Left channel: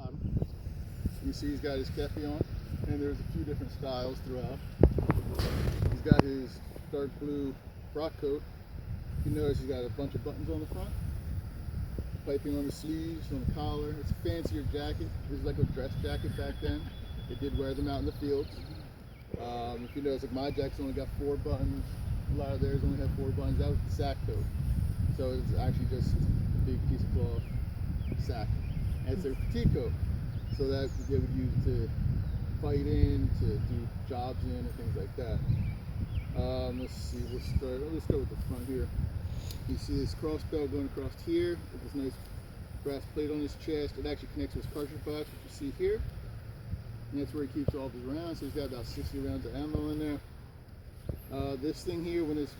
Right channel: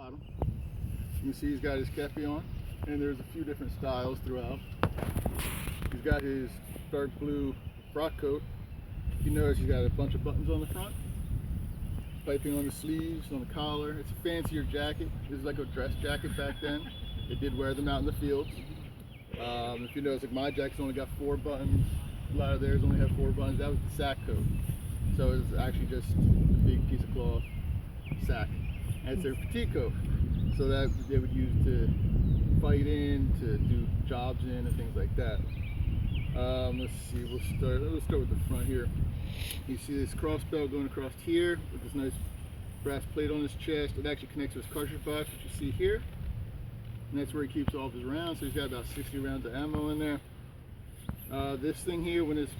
bottom. You can see he's got his kepi on, and there's a few different styles throughout. He's got his dark blue frock coat. You notice he's got a bunch of buttons on the front, piping on the sleeves, on the collar. It's a fancier jacket. This is like a dress jacket back then. They did wear them out in the fields. If you notice, like my jacket's only got 4 buttons. A lot of theirs only have 4 buttons. That was the sack coat. So it's actually just a big piece of cloth sack. And it's their fatigue coat. So that they would use to fight in, to do jobs in, and things like that. Let's see, let's start with the front here. You see this cross belt going across here with this nice brass plate on his chest. It actually connects to his cartridge box, which you see here. And that's where he keeps all of his rounds. So he's got about 60 rounds of ammo in there. This thing here, when it's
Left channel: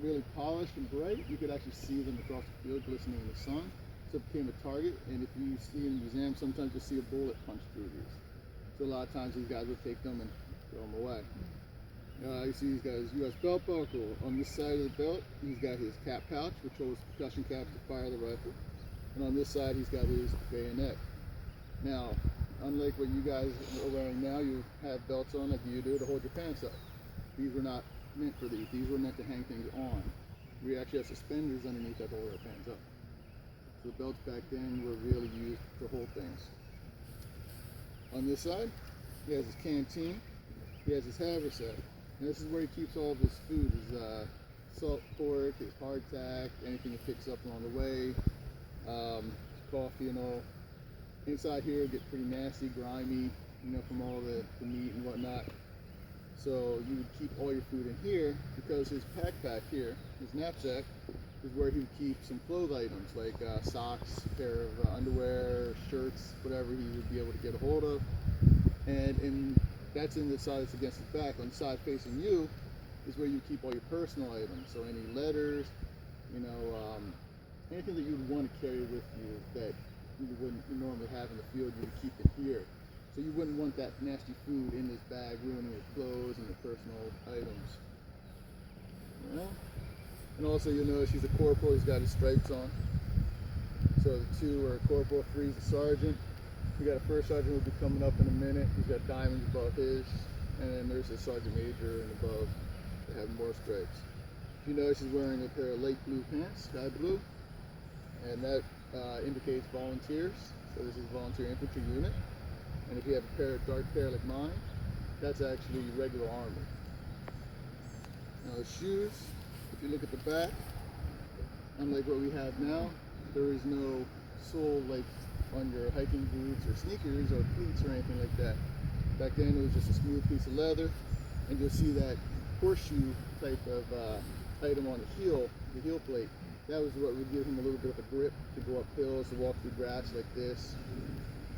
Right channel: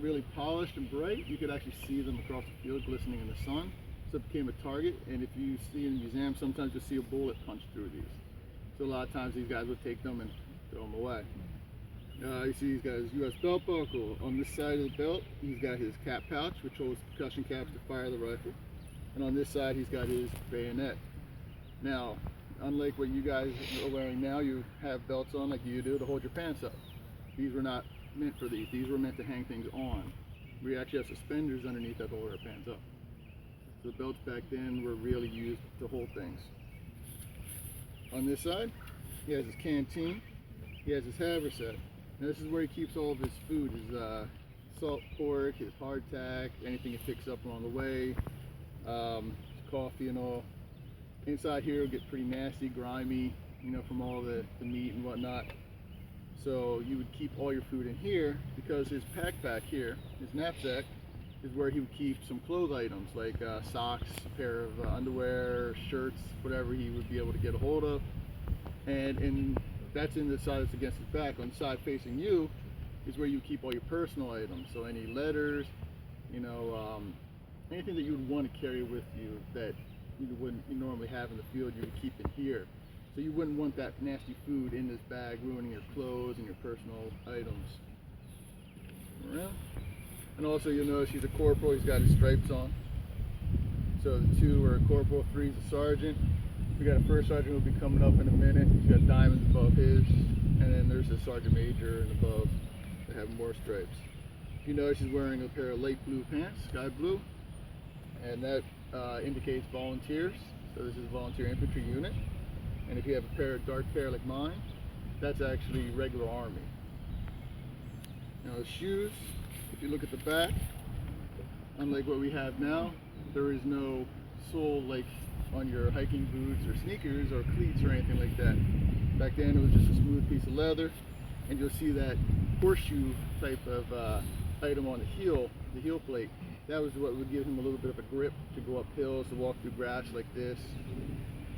really polished and bright, you could actually see them across the field glistening in the sun. So it became a target, and if you see in the museum, sometimes you'll see a bullet punch through these. So a lot of times these guys will take them and throw them away. You see he's got his U.S. belt buckle. On this side of the belt, he's got his cap pouch, which holds percussion caps to fire the rifle. And on this side, he's got his bayonet. Now, unlike what you guys are wearing now, you have belts on like you do to hold your pants up. These were not meant for these. These were meant to hang things on. We actually have suspenders underneath that hold our pants up. So the belts back then were really used to hold things. On this side, he has his canteen. He has his haversack. Now this is where he keeps all of his food, his salt pork, his hardtack, anything he picks up along the way, his coffee and all. Inside here will get pretty nasty, grimy, you know, from all the meat and whatnot. So you would keep all your food in here because his backpack here, his knapsack, is where he would keep some clothes items like socks, a pair of underwear, shirts, whatever he would be able to get a hold of. And that's in the side that's against his back. On the side facing you is where you keep all your personal items. So any letters, you know, anything that you would want to carry with you that you wouldn't normally have in the field, you would keep in here. So you wouldn't want that nasty food in this bag ruining your clothes and your personal items. Around. And also you'll notice he's a corporal, he's got his stripes on. So the 2 are a corporal, 3 is a sergeant. We got a first sergeant who'll be coming up in a minute. He's got diamonds above his. And then there's a sergeant major and above that have more stripes. If you notice he's wearing a pair of light blue pants, sky blue. And that indicates volunteers. So this is a volunteer infantry unit. And if you have a dark pair like mine, that's actually regular army. Now the shoes, if you look at the back, unlike what we have now, there is no sole like on your hiking boots or sneakers or cleats or anything like that. Back then it was just a smooth piece of leather, and you'll see that horseshoe type of item on the heel plate. That was what would give him a little bit of a grip to go up hills, to walk through grass like this.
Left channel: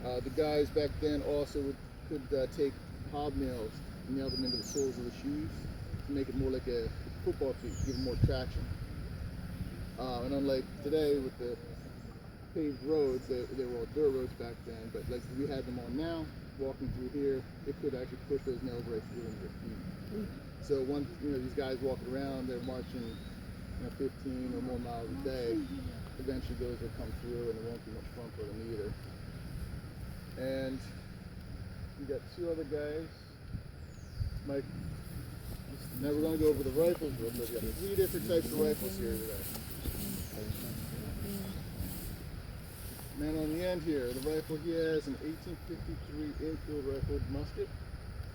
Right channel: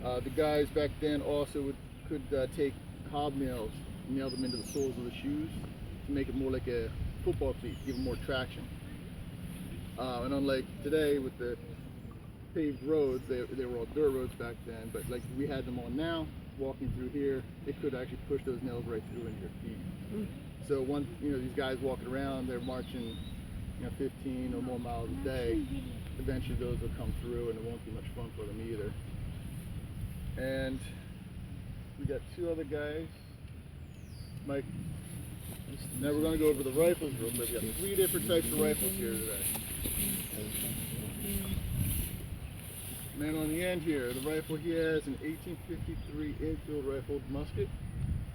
The guys back then also could take hobnails and nail them into the soles of the shoes to make it more like a football cleat, give them more traction. And unlike today with the paved roads, they were all dirt roads back then, but like we had them on now, walking through here, it could actually push those nails right through into your feet. So these guys walking around, they're marching 15 or more miles a day. Eventually those will come through and it won't be much fun for them either. And we got 2 other guys. Mike, now we're going to go over the rifles real quick. We got 3 different types of rifles here today. Man on the end here, the rifle he has an 1853 infield rifled musket.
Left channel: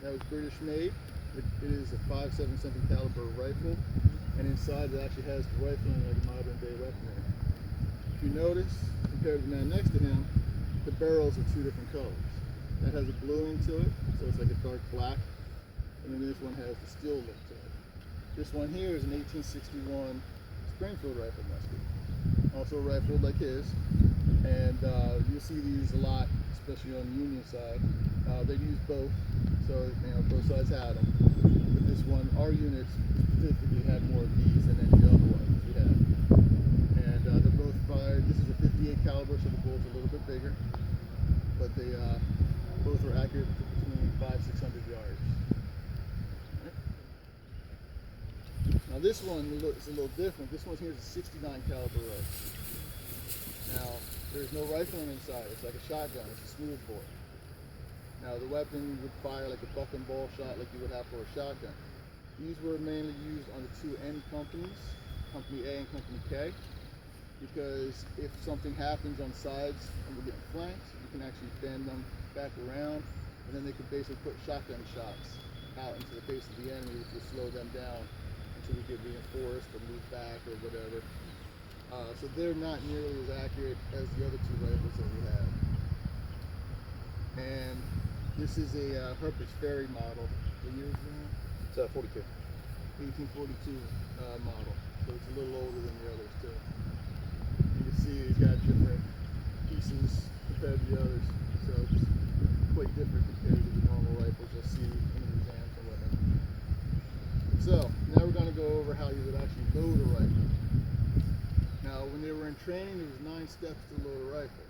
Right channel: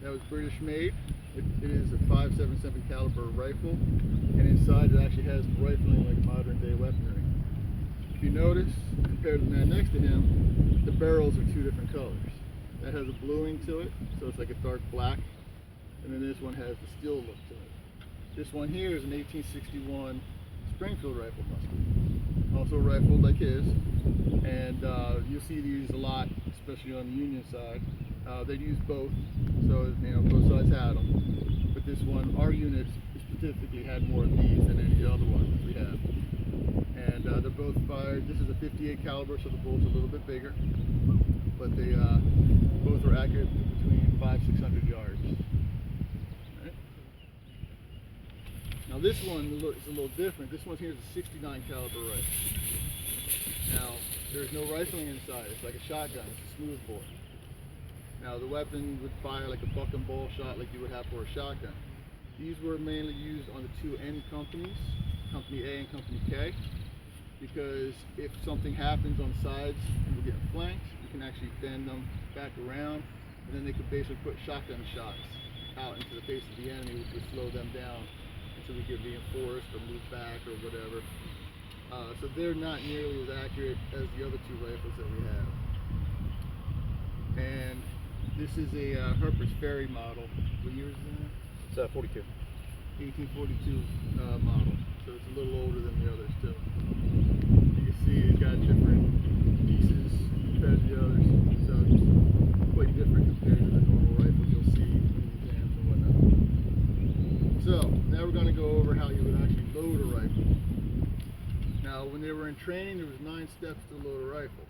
That was British made. It is a 5.77 caliber rifle, and inside it actually has the rifling like modern day weaponry. If you notice, compared to the man next to him, the barrels are 2 different colors. That has a bluing to it, so it's like a dark black, and then this one has the steel look to it. This one here is an 1861 Springfield rifle musket, also rifled like his, and you'll see these a lot, especially on the Union side. They'd use both, so both sides had them. But this one, our unit specifically had more of these than any other ones we had. And they're both fired. This is a 58 caliber, so the bullet's a little bit bigger, but they both are accurate between 500-600 yards. Right. Now this one is a little different. This one here is a 69 caliber rifle. Now There's no rifling inside. It's like a shotgun. It's a smooth bore. Now the weapon would fire like a buck and ball shot like you would have for a shotgun. These were mainly used on the two end companies, Company A and Company K, because if something happens on sides and we're getting flanked, you can actually bend them back around, and then they could basically put shotgun shots out into the face of the enemy, which would slow them down until we get reinforced or moved back or whatever. So they're not nearly as accurate as the other two rifles that we have. And this is a Harper's Ferry model. What year is that? It's 42. 1842 model. So it's a little older than the others too. You can see it's got different pieces compared to the others. So it's quite different compared to the normal rifles you'll see in the exams and whatnot. So now we're going to go over how you would actually load a rifle. Now when they were in training, there was 9 steps to load a rifle.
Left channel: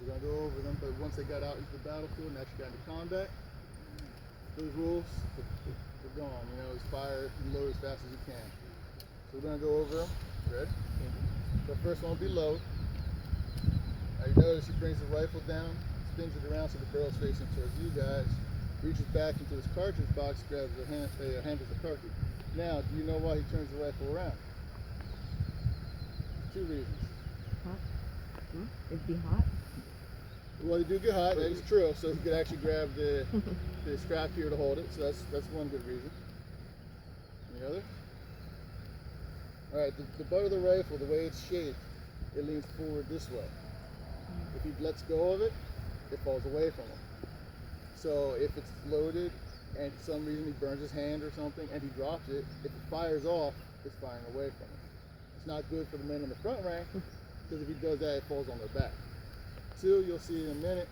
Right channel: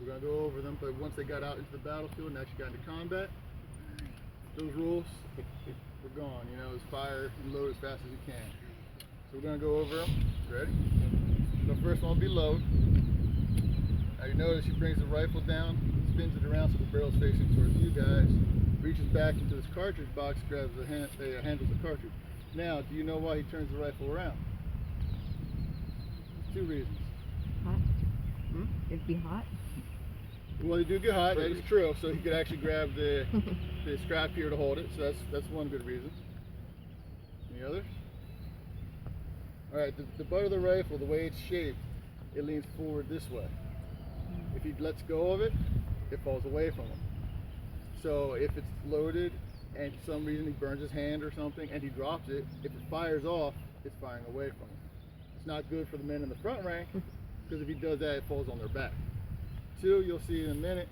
We're going to go over them, but once they got out into the battlefield and actually got into combat, those rules were gone. You know, it's fire and load as fast as you can. So we're going to go over them. Ready? So first one will be load. Now you notice he brings the rifle down, spins it around so the barrel's facing towards you guys, reaches back into his cartridge box, grabs the handles the cartridge. Now, do you know why he turns the rifle around? 2 reasons. Hot? It'd be hot? Well, they do get hot, that is true, so he could actually grab the strap here to hold it, so that's one good reason. Any others? Alright, the butt of the rifle, the way it's shaped, it leans forward this way. If he lets go of it, it falls away from him. So if it's loaded and for some reason he burns his hand or something and he drops it, if it fires off, it's firing away from him. It's not good for the men in the front rank, because if he does that, it falls on their back. 2, you'll see in a minute,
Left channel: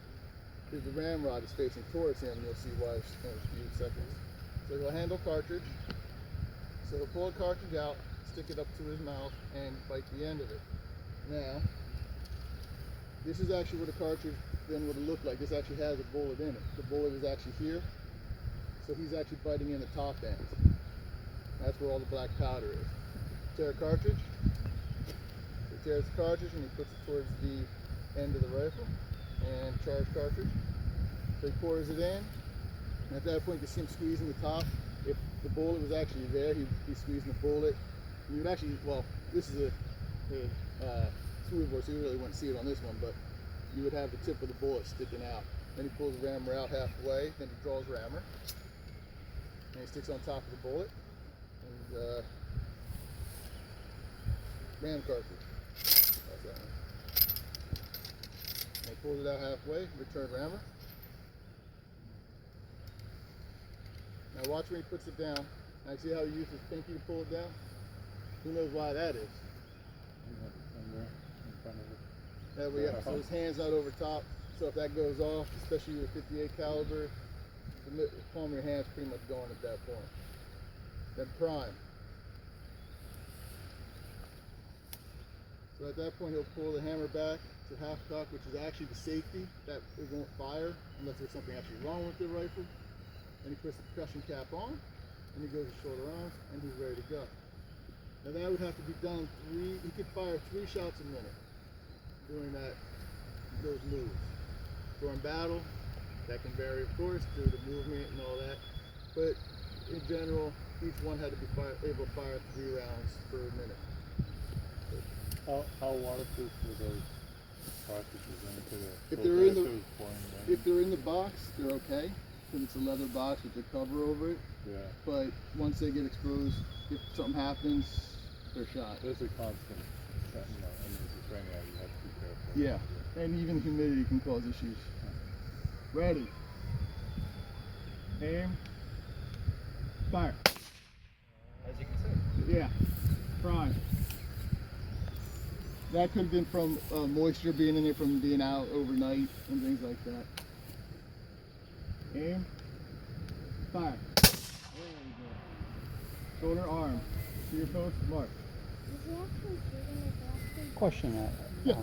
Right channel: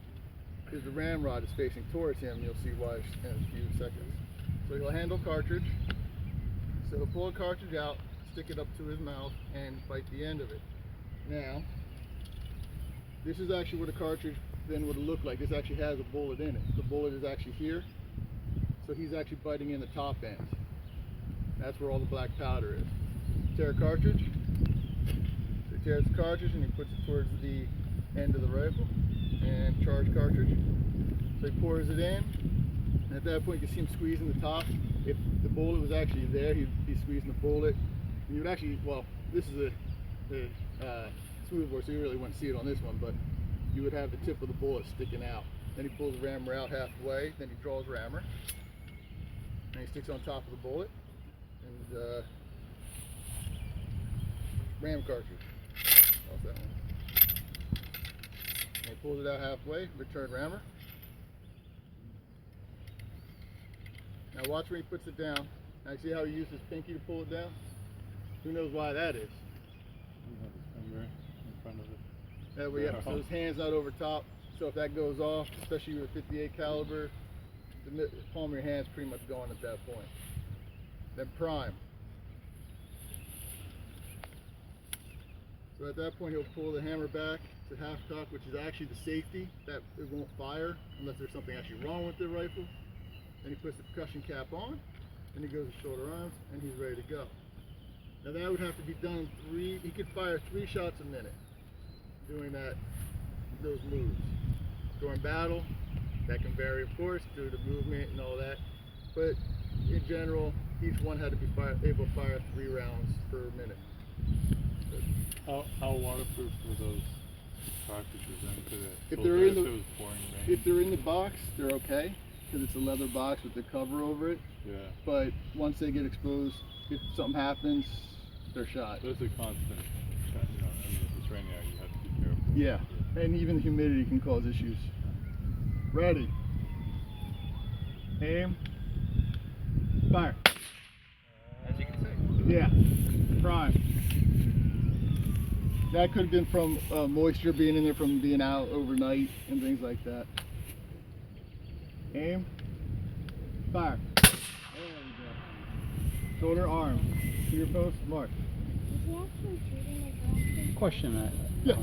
is the ramrod is facing towards him, and you'll see why in a few seconds. So he'll handle cartridge. So he'll pull a cartridge out, stick it up to his mouth, and bite the end of it. Now, this is actually what a cartridge then would look like. This actually has a bullet in it. The bullet is actually here, so he's actually biting in the top end. That's where all the black powder is. Tear a cartridge. So he tears the cartridge and he puts it towards the end of the rifle, and charge cartridge. So he pours it in, and at that point you can see him squeezing the top. If the bullet was actually there, he'd be squeezing the bullet. And you would actually, well, this is a smooth bore, so you really wouldn't see it on this one, but you would have the tip of the bullet sticking out. Then he pulls the rammer out halfway, then he draws rammer, and he sticks on top of the bullet, and ram cartridge. That's that one. And he pulls it out halfway, return rammer. Now watch when he puts it down. Now see how he used his pinky to pull it down? Who knows why that is? That way, yeah, so his hand's not over top. So if that goes off, especially with a 58 caliber, the palm of your hand's pretty much gone at that point. Then prime. So at that point he'll pull the hammer back to half cock, which is actually the safety that it won't fire unless there's something actually wrong with the rifle. Then he puts the percussion cap on, and he goes to shoulder arms, and he's ready to go. Now that would have to be done he could fire 3 shots a minute doing those moves. During battle, that can vary of course due to movement and all that, but in general, each one had to be able to fire 3 rounds per minute. How waterproof were those cartridges into the? If they're in the box, they're okay, because it's a leather box with the cover over it. Yeah. But once they get exposed, if something happens, they're shot. Those are constant. I mean, if it's raining out, you have to be careful. Yeah, and even humidity can cause issues. Ready. Aim. Fire. As you can see. Yeah. Prime. That could have been from moisture being in there from being out overnight and things like that. Aim. Fire. There we go. Shoulder, arm. Finger post, mark. Question. Yeah.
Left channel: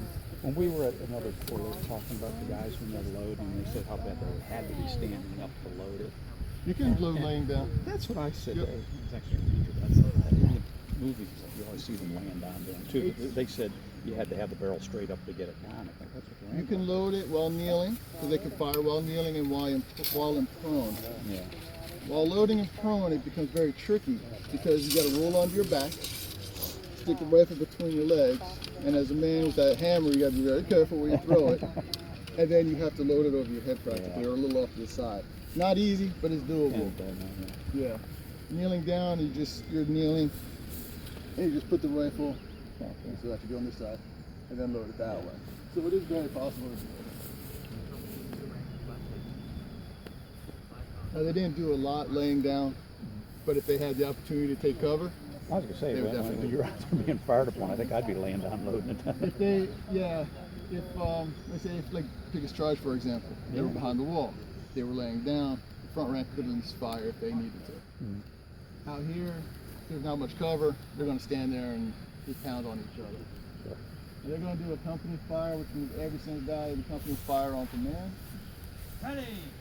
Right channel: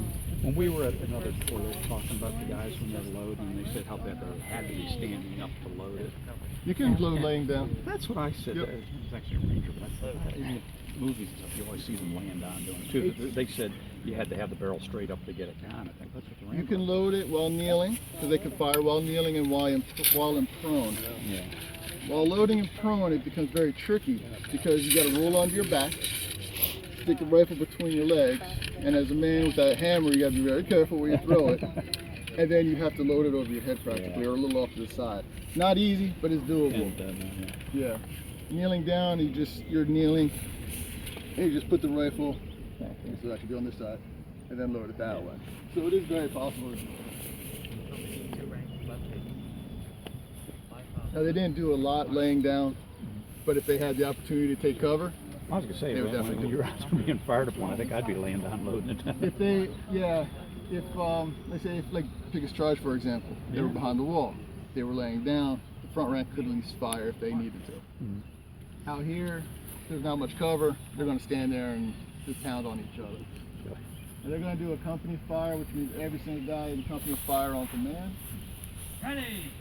When we were at another tour, they were talking about the guys when they're loading, and they said how bad they had to be standing up to load it. You can load laying down. That's what I said. Yep. It was actually a ranger, but I said that in the movies, you always see them laying down doing it too. They said you had to have the barrel straight up to get it down. I think that's what the You Rambo. can load it while kneeling, so they can fire while kneeling and while in prone. Yeah. While loading in prone, it becomes very tricky because you got to roll onto your back, stick the rifle between your legs, and as a man with that hammer, you got to be very careful where you throw it, and then you have to load it over your head practically, or a little off to the side. Not easy, but it's doable. Yeah. Kneeling down, you're kneeling, and you just put the rifle, so I should be on this side, and then load it that way. So it is very possible. Now they didn't do a lot laying doan, but if they had the opportunity to take cover, I was gonna say, they would when definitely do you're also being fired upon, I think I'd be laying down loading it. if they, yeah, if let's say, if like Pickets Charge, for example, they were behind the wall, they were laying down, the front rank could at least fire if they needed to. Out here, there's not much cover, they're gonna stand there and just pound on each other. And they're gonna do a company fire, which means every single guy in the company fire on command. Ready.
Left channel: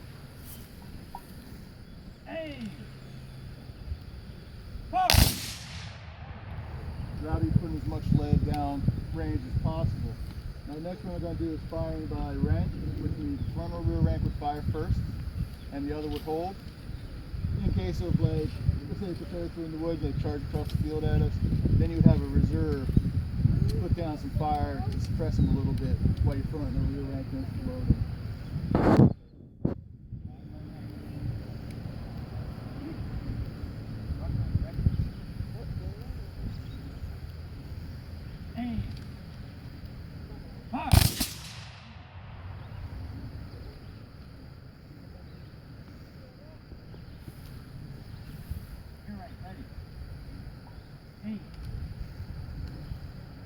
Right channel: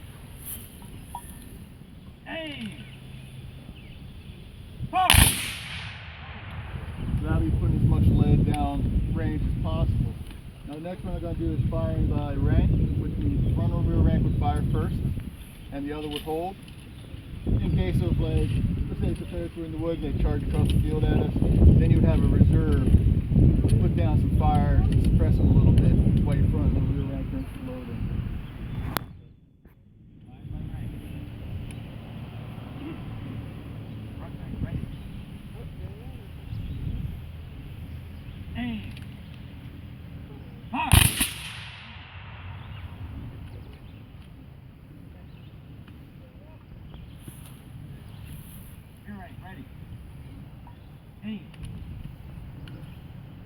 Aim. Fire. So that'll be putting as much lead down range as possible. Now the next one they're going to do is firing by rank, which means front or rear rank would fire first, and the other would hold. In case of, like, let's say it's a territory in the woods, they charge across the field at us, then you would have a reserve, put down some fire, suppress them a little bit while your front and the rear rank is loading. Aim. Fire. You're right, ready. Aim.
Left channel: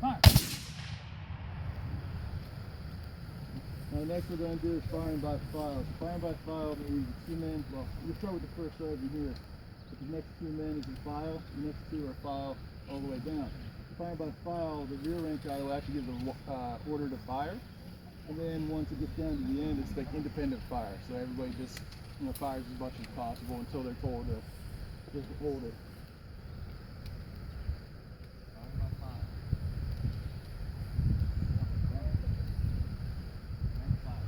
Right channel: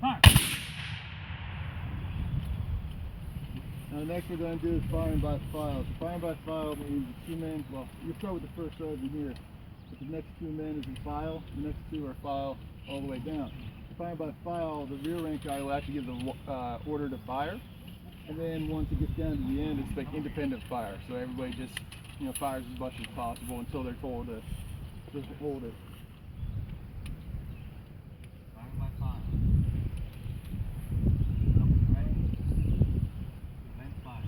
Fire. Now the next we're going to do is firing by file. So firing by file means the two men, well, you start with the first sergeant here, but the next two men is in file, the next two are file all the way down. Firing by file, the rear rank guy will actually give the order to fire, and then once it gets down to the end, it's like independent fire. So everybody just, fires as much as possible until they're told to just hold it. Firing by fire. Ready. Then fire.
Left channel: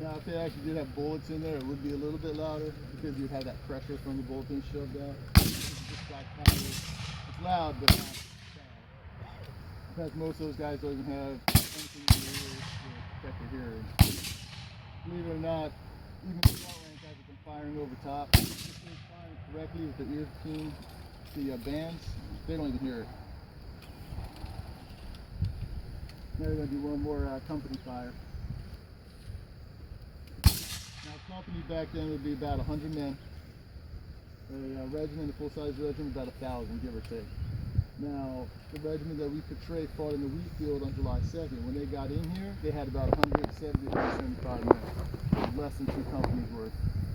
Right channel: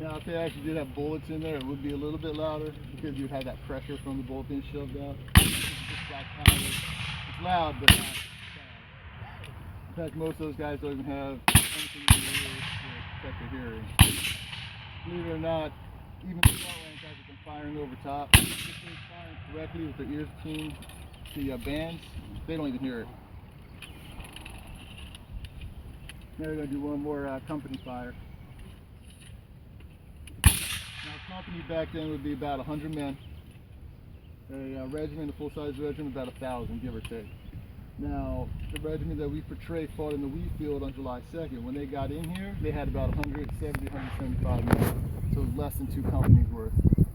Now if they actually did have bullets in there, it would be a little bit louder because you'd have that pressure from the bullet being shoved out. This is just black powder. It's loud, but not loud. In fact, most of those guys don't even have anything in their ears to protect their hearing. Believe it or not, even the front rank guys have been firing over top. If they're firing correctly with their ears between the bands, they don't even hear it. Now we're going to do one more company fire. Now, a company back then would be about 100 men. A regiment, a full-size regiment, about 1,000, give or take. Now, the regiment that we portray fought in the wheat field on July 2nd. When they got in here, they had about 170, 175 men. So less than 2 companies worth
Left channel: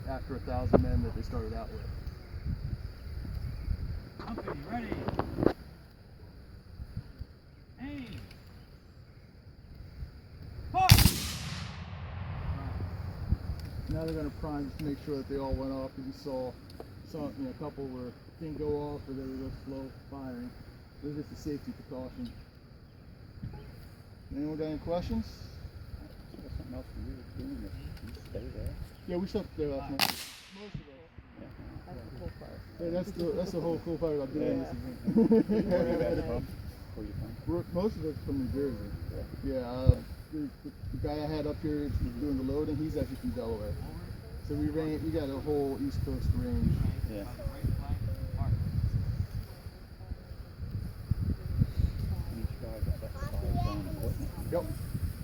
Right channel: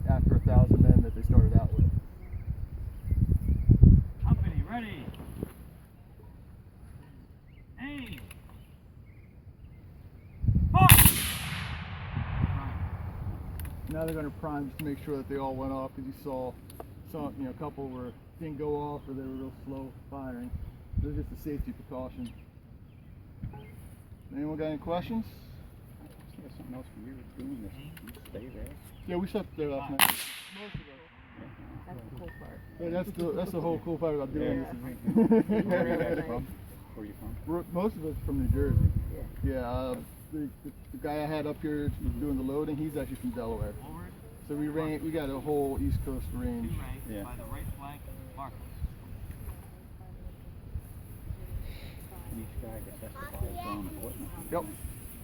after 1,000 men that they started out with. Company ready. Aim. Fire. Now they're going to prime just to make sure that they all went off, because you saw some, a couple didn't go off or they were real slow firing. This is just a safety precaution. Anyone got any questions? There's something else for you doing this. You stay there. Yeah, we slept there last night. Most of us. That's the cool part. Yeah, that's the whole cool part about doing this. Where are you guys from? Where are you from? Most of us from New Jersey. Yeah, the guy I had up here doing the loading, he's actually from Delaware. Forward. So we got a whole East Coast range. Two ranks by the right flank. Mark. Each guy got that fire zone equipment. Yep.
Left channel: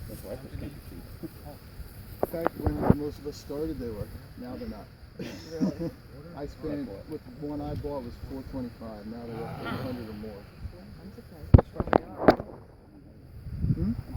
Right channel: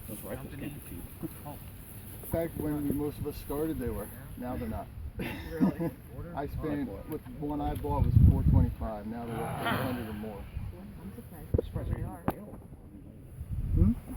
Those rifles can't be cheap. In fact, when most of us started, they were. Now they're not. I spent, with the one I bought was $425. Now they're up to $100 or more. I'm surprised. Hmm?